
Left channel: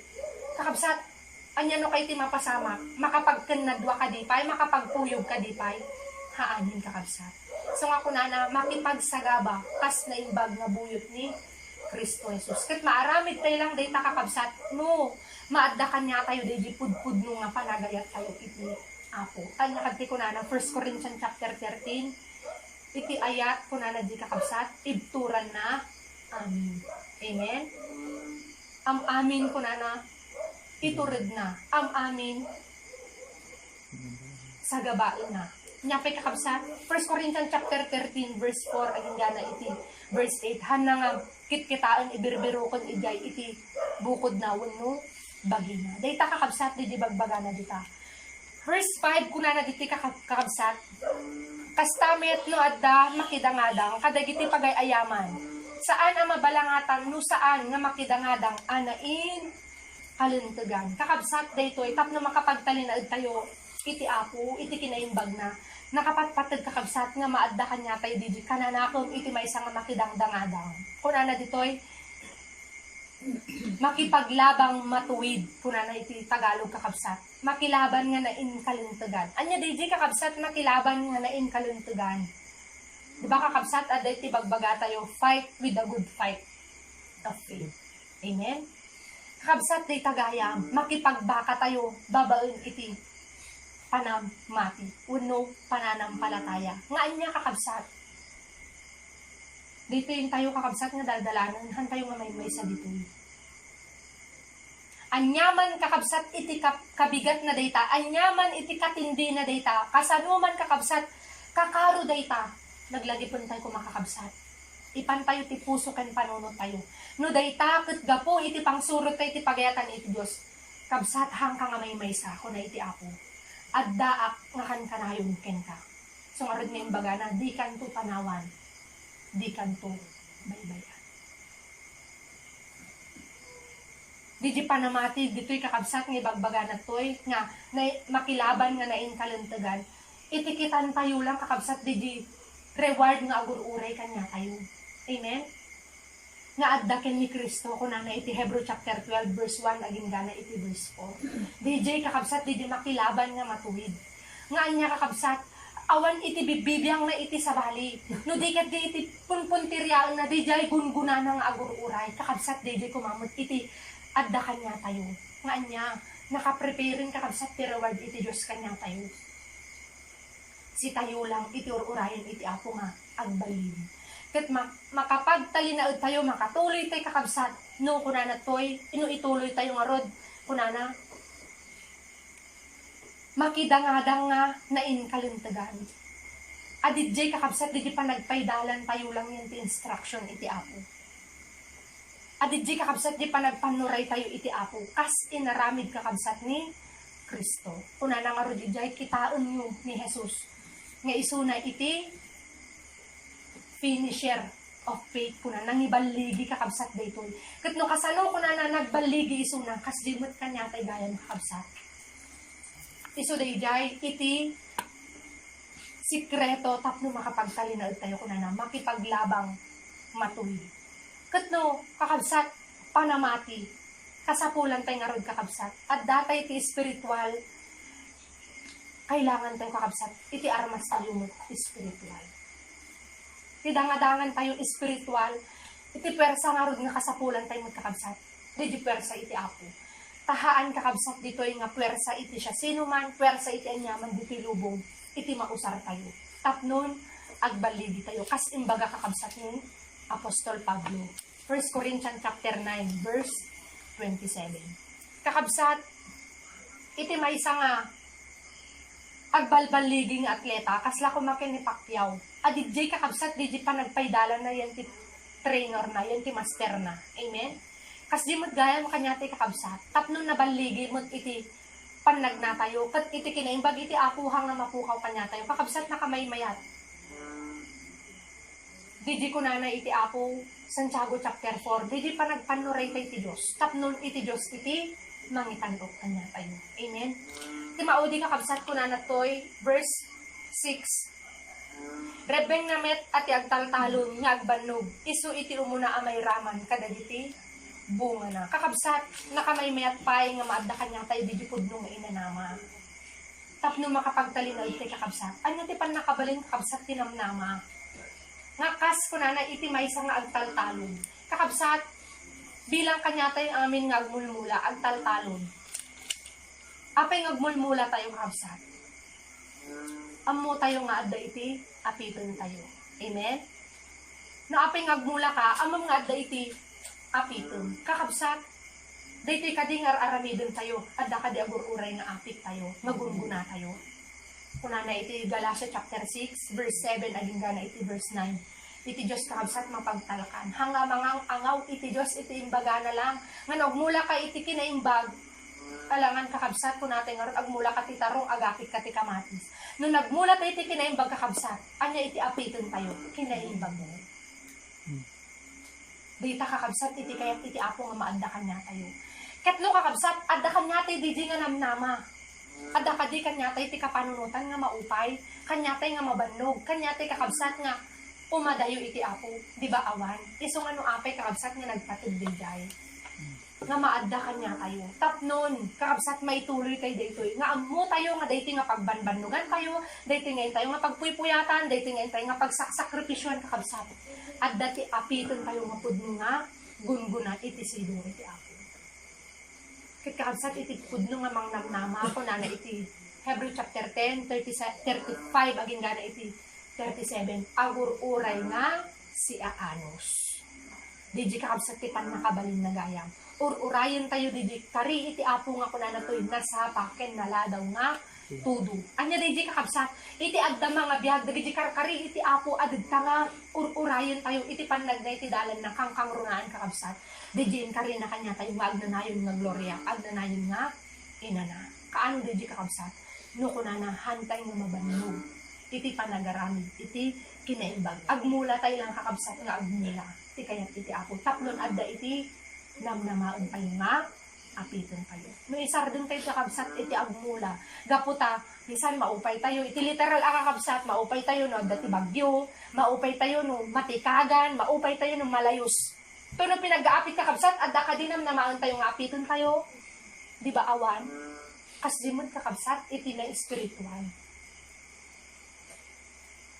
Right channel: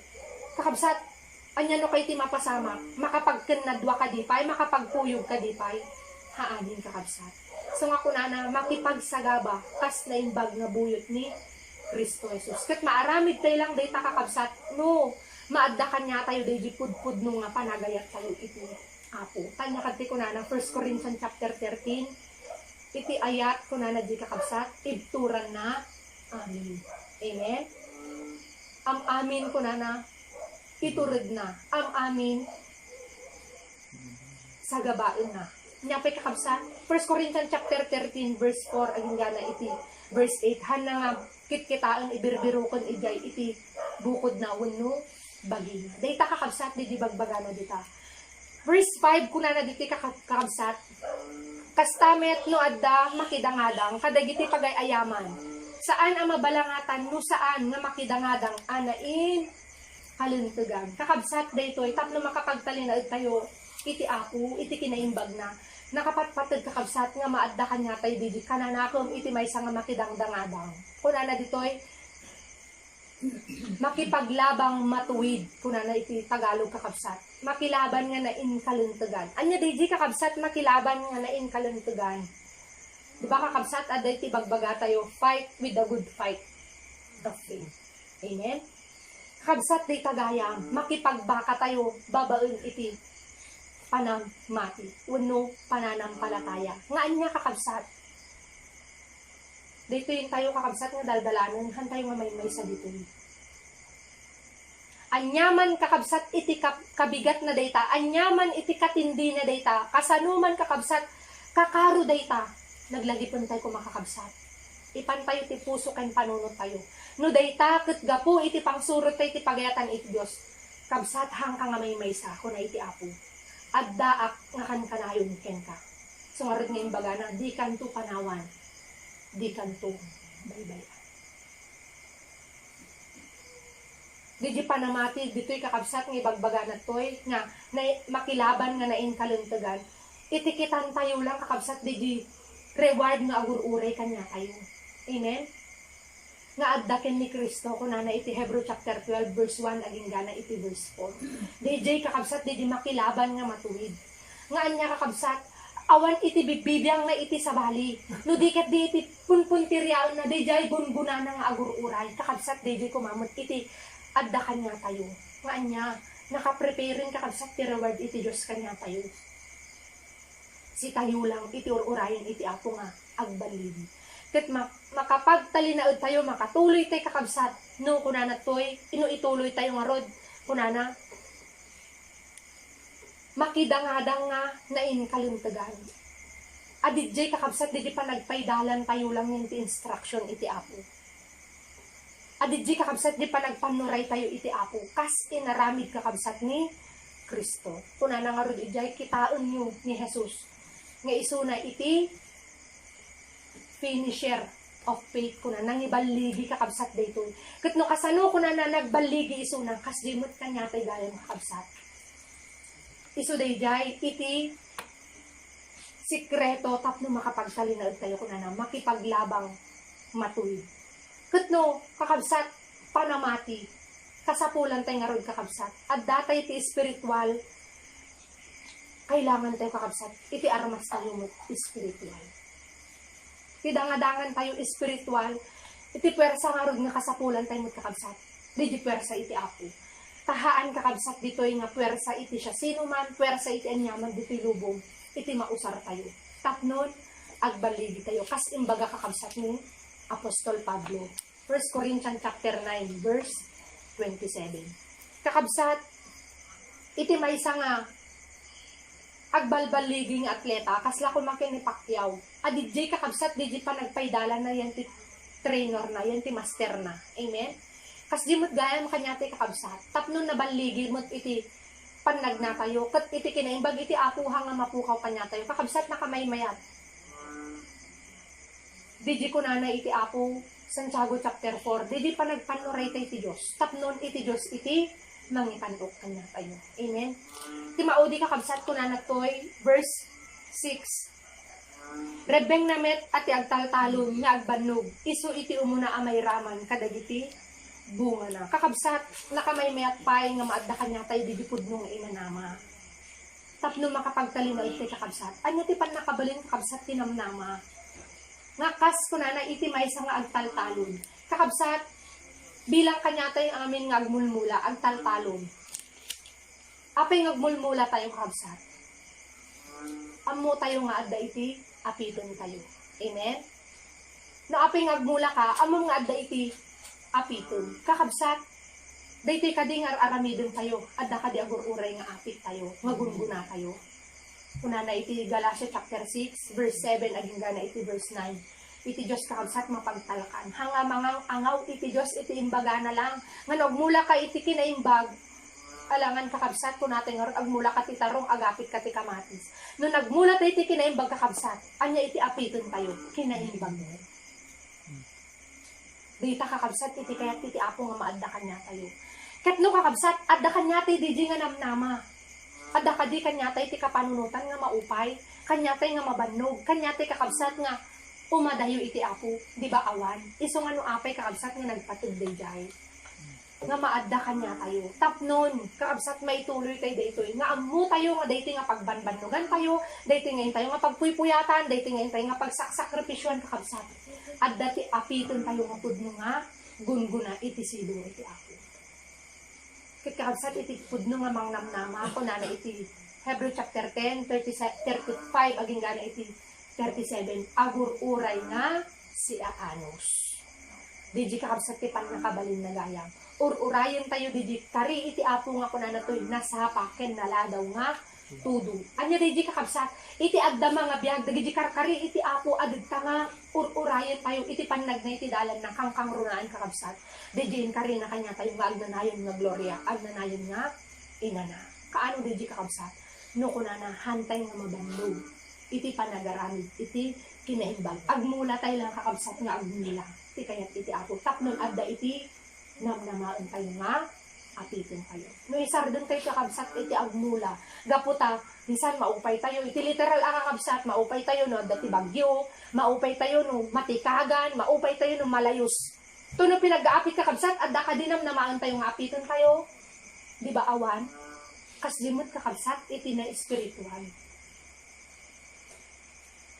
Kakabsat anya no kay ti mapasama, makapagkenadwa ka dipay, makapagpuyog ka dipay, haanin kakabsat. So nga kunana, makipagsagaba, kas na imbag nga buyot ni Kristo Jesus. Kat maaramid tayo lang day kakabsat, no, maadda kanya tayo day di pudpud no nga panagayat tayo iti Apo. Kanya kadti kunana, 1 Corinthians chapter 13, iti ayat kunana di kakabsat, ibturan na, amin. Amen? Amin kunana, iturid na, amin, sagabain na. Nyapay kakabsat, 1 Corinthians chapter 13, verse 4, aging gana iti, verse 8, hana nga, kitkitaan, ibirbirukon, igay, iti, bukod na, wano, bagina. Dayta kakabsat, di bagbaga na dita. Verse 5, kuna na diti kakabsat, kastamet no adda, makidangadang, kadagiti pagayayaman. Saan ang mabalangatan, no saan nga makidangadang, anain, kalintugan. Kakabsat daytoy tapno makapagtalinaid tayo iti Apo, iti kinaimbag na nakapatpatid kakabsat nga maadda kanya tayo didi kananakom iti maysa nga makidangdangadang. Kunana ditoy makipaglabang matuwid kunana iti Tagalog kakabsat. Makilaban nga na inkaluntugan. Anya didi kakabsat makilaban nga na inkaluntugan. Di ba kakabsat aday iti bagbaga tayo fight with the good fight of faith. Amen. Kakabsat day tagayam makipagbaka tayo babaen iti panamati, uno pananampalataya. Nga anya kakabsat. Dito yung tayo kakabsat nga daldalanon, han tayo nga may sa dito. Anyaman kakabsat iti kabigat na data, anyaman iti katindi na data, kasanuman kakabsat, kakaro data, naglagipon tayo kumakakabsat. Ipan tayo ti puso ken panunod tayo. No data ket gapo iti pangsurot tayo iti pagayatan iti Dios. Kabsat hang ka nga may sa ko na iti apo. Addaak nga kan kanayon ken ka. So nga rin nga imbaga na, di kanto panawan, di kanto baybayan. Di panamati, dito'y kakabsat nga ibagbaga na to'y, nga na, makilaban nga nain kaluntugan, itikitan tayo lang kakabsat, di reward nga agur-uray kanya tayo. Amen? Nga addaken ni Kristo kuna na iti Hebrew chapter 12 verse 1 aging gana iti verse 4. DJ kakabsat di makilaban nga matuwid. Nga anya kakabsat awan iti bibibiyang na iti sabali. No diket di iti punpuntiryal na DJ gungguna na nga agur-uray. Kakabsat DJ kumamot iti adda kanya tayo. Nga anya nakapreparein kakabsat ti reward iti Dios kanya tayo. Si tayo lang iti ururayan iti apo nga agbalid. Ket makapagtalinaod tayo, makatuloy tayo kakabsat, no kunana toy, inuituloy tayo nga rod, kunana, makidangadang nga na inkaluntagan. Adidjay kakabsat, di pa nagpaidalan tayo lang yung instruction iti apo. Adidjay kakabsat, di pa nagpanuray tayo iti apo, kas inaramid kakabsat ni Kristo. Kunana nga rod, idjay kitaon nyo ni Jesus, nga isuna iti finisher of faith kuna nangibaligi kakabsat daytoy. Ket no kasano kuna na nagbaligi isuna kas dimot kanya tay gayan kakabsat. Isu dayjay iti sikreto tapno makapagtalinaod tayo kuna na makipaglabang matuwid. Ket no kakabsat panamati kasapulan tay nga rod kakabsat. At datay ti spiritual kailangan tayo kakabsat iti armas tayo mo spiritual. Tidangadangan tayo espiritual, iti pwersa nga rod nga kasapulan tayo magkakabsat. Di pwersa iti apo. Tahaan kakabsat dito yung nga pwersa iti siya. Sino man, pwersa iti anyaman, dito lubong, iti mausar tayo. Tapnon, agbaligi tayo. Kas imbaga kakabsat ni Apostol Pablo. 1 Corinthians chapter 9, verse 27. Kakabsat, iti maysa nga agbalbaligi nga atleta, kasla kumakin ni Pacquiao. Adidjay kakabsat, di pa nagpaidalan na yan ti trainer na, yan ti master na. Amen? Kas di mo't gaya mo kanya ti kakabsat. Tapno nabaligi mo't iti panagna tayo. Kat iti kinaimbag iti apuha nga mapukaw kanya tayo. Kakabsat na kamay mayat. Di ko na iti apo, Santiago chapter 4. Di pa nagpanuray tayo ti Diyos. Tapnon iti Diyos iti mangitanok kanya tayo. Amen? Ti maudi kakabsat ko na natoy, verse 6. Rebeng namet at agtaltalon nga agbanog, isu iti umuna amay raman, kadagiti bunga na. Kakabsat, nakamay mayat pay nga maadda kanya tayo didipod nung inanama. Tapno makapagtalinaw iti kakabsat. Anya ti pan nakabaling kakabsat tinamnama. Nga kas ko na iti maysa nga agtaltalon. Kakabsat, bilang kanya tayo amin nga agmulmula, agtaltalon. Apay ngagmulmula tayo kakabsat. Amo tayo nga adda iti apiton tayo. Amen? No apay ngagmula ka, amo nga adda iti apiton. Kakabsat, daytoy kading aramidon tayo. Adda kadi agur-uray nga apit tayo. Ngagunguna tayo. Kuna na iti Galatia chapter 6, verse 7, aging gana iti verse 9. Iti Diyos kakabsat mapagtalakan. Hanga mga angaw iti Diyos iti imbaga na lang. Nga nagmula ka iti kinaimbag, alangan kakabsat ko natin nga agmula ka ti tarong agapit ka ti kamatis. No nagmula tayo iti kinaimbag kakabsat, anya iti apiton tayo, kinaimbag mo. Dita kakabsat iti kayat iti apo nga maadda kanya tayo. Ketno kakabsat, adda kanya tayo di nga namnama. Adda ka di kanya tayo iti kapanunutan nga maupay. kanyatay nga mabannog, kanyatay kakabsat nga umadayo iti apo, di ba awan? Iso nga no apay kakabsat nga nagpatid dayjay. Nga maadda kanya tayo. Tapnon, kakabsat maituloy tayo daytoy. Nga amo tayo nga dayti nga pagbanbannugan tayo, dayti nga tayo nga pagpuypuyatan, dayti nga tayo nga pagsakripisyon kakabsat. At dati apiton tayo nga pudno nga gunguna iti silong iti apo. Kit kakabsat iti pudno nga mangnamnama ako na iti Hebrew chapter 10, 35, aging gana iti 37. Agur-uray nga si Aanos. Didi kakabsat kitan nakabalin na gayam. Ur-urayan tayo didi kari iti apo nga kuna na to'y nasapaken naladaw nga tudo. Anya didi kakabsat iti adda mga biyag didi kari iti apo adagta nga ur-urayan tayo iti panag na iti dalan na kangkang runaan kakabsat. Didi kari na kanya tayo nga agnanayon nga gloria, agnanayon nga inana. Kaano didi kakabsat? No kuna na hantay nga mabanlog iti panagaramid iti kinaimbag. Agmula tayo lang kakabsat nga agmula. Iti kayat iti apo. Tapnon adda iti namnamaon kayo nga, apitin kayo. No isar dun tayo kakabsat, iti agmula. Gaputa, bisan maupay tayo, iti literal akakabsat, maupay tayo no, dati bagyo, maupay tayo no, matikagan, maupay tayo no, malayos. Ito no pinag-aapit kakabsat, at daka din namnamaon tayo nga, apitin kayo. Di ba awan? Kas dimod kakabsat, iti na espiritual.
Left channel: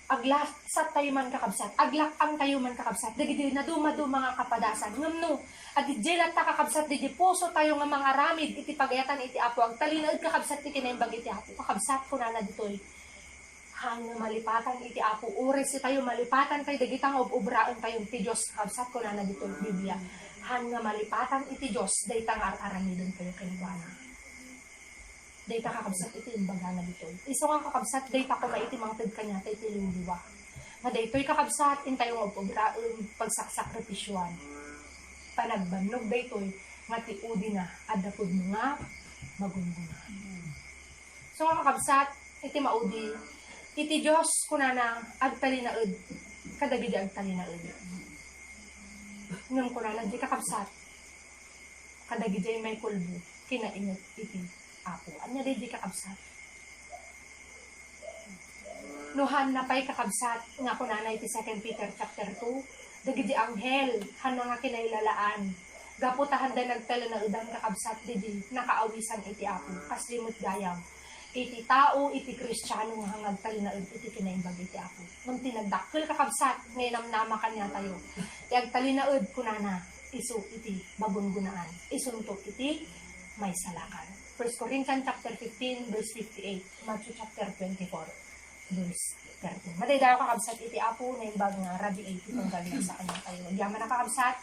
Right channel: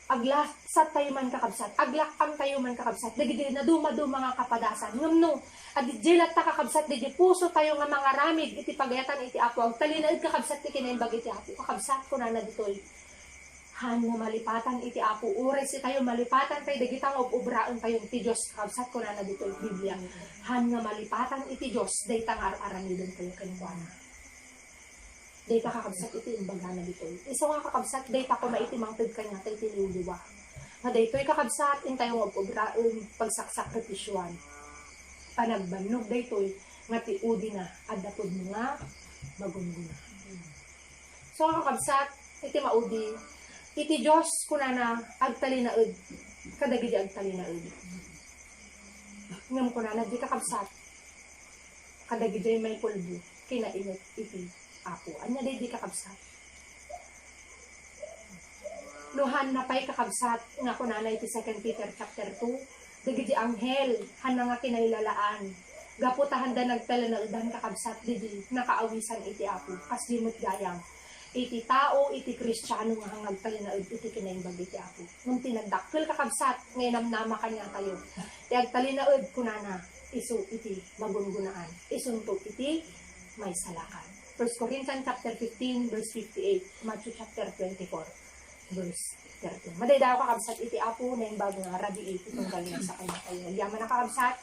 Aglasat tayo man kakabsat, aglakang tayo man kakabsat, dagiti na dumado mga kapadasan, ngam at dilat ta kakabsat, di puso tayo nga mga ramid, iti pagayatan iti apo, ag talinaid kakabsat, iti kinaimbag iti apo, kakabsat ko na ditoy, han nga malipatan iti apo, ures tayo malipatan tayo, dagitang ubraon tayo, iti Diyos, kakabsat ko na ditoy, Biblia, han nga malipatan iti Diyos, daytang aramidon tayo kinibana. Dayta kakabsat iti imbaga na ditoy. Iso nga kakabsat, dayta ko na iti mangtid kanya, iti luluwa. Nga daytoy kakabsat, intay mo pagsakripisyuan. Panagbannog daytoy, nga ti udi na, adapod mo nga, magungguna. So nga kakabsat, iti maudi, iti Diyos kunana, agtalinaud, kadagidi agtalinaud. Ngam kunana, di kakabsat, kadagidi may pulbo, kinainit iti apo. Anya day di kakabsat. Nuhan na pa'y kakabsat, nga kunana iti 2 Peter chapter 2, dagiti anghel, han nga kinailalaan. Gaputahan da nagtala na udan kakabsat, didi nakaawisan iti apo. Kas dimot gayam. Iti tao, iti kristyano nga hangag tali na iti kinaimbag iti apo. Nung tinagdakil kakabsat, ngayon namnama kanya tayo. Tiag tali na kunana, iso iti magungunaan. Isuntok iti may salakan. 1 Corinthians chapter 15, verse 58. Matthew chapter 24, verse 13. Madaydayo kakabsat iti apo na imbag nga rabi iti tunggal na sa kanya kayo. Yaman na kakabsat,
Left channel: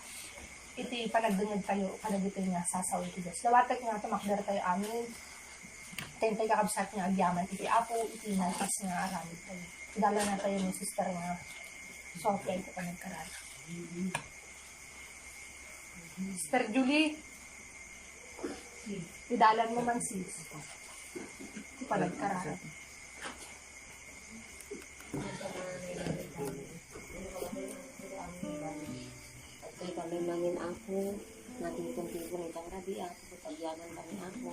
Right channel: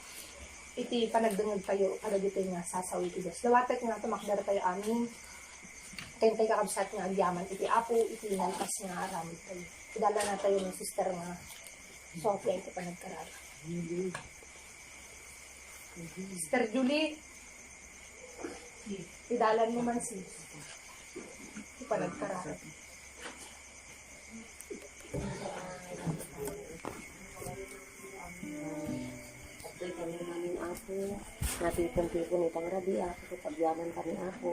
iti panagdungid kayo, kadagito nga sasaw iti Diyos. Lawatek nga tumakdar kayo amin. Tentay kakabsat nga agyaman iti apo, iti nalpas nga aramid kayo. Idala na tayo ng sister nga Sofia ito panagkaral. Sister Julie, idalan mo man sis. Ito panagkaral. Kami namin ako, natipon-tipon itang rabi ako, kapagyaman kami ako,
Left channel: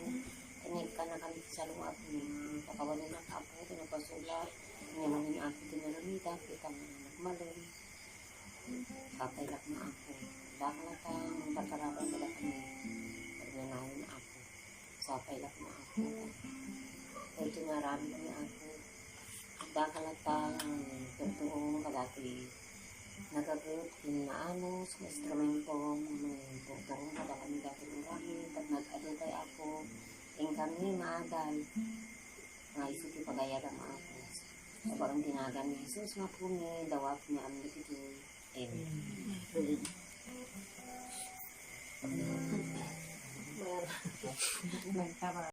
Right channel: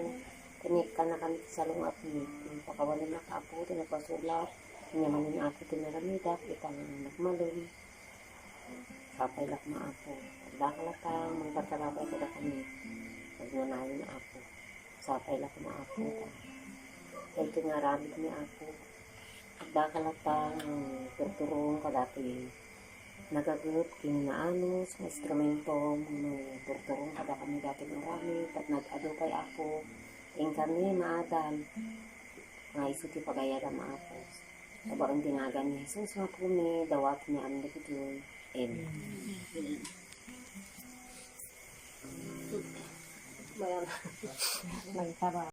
tinikta na kami sa lungat ni, pakawalan na ako, tinapasulat, tinamanin ako, tinaramida, itang nakmalin, sapay lakma ako, pagdakalatan, magpatalapay ko na kami, pagnanayin ako, sapay lakma ako, dahil tinaramid niya ako, pagdakalatan, turturong kadati, nagagot kinaanos na instrumento may turturong kada kami dati marami at nag-ado kay ako ing kami maadan nga isuti pagayada maapo sabarong tinagan ni Jesus nga po may dawat niya ang nagituloy Maraming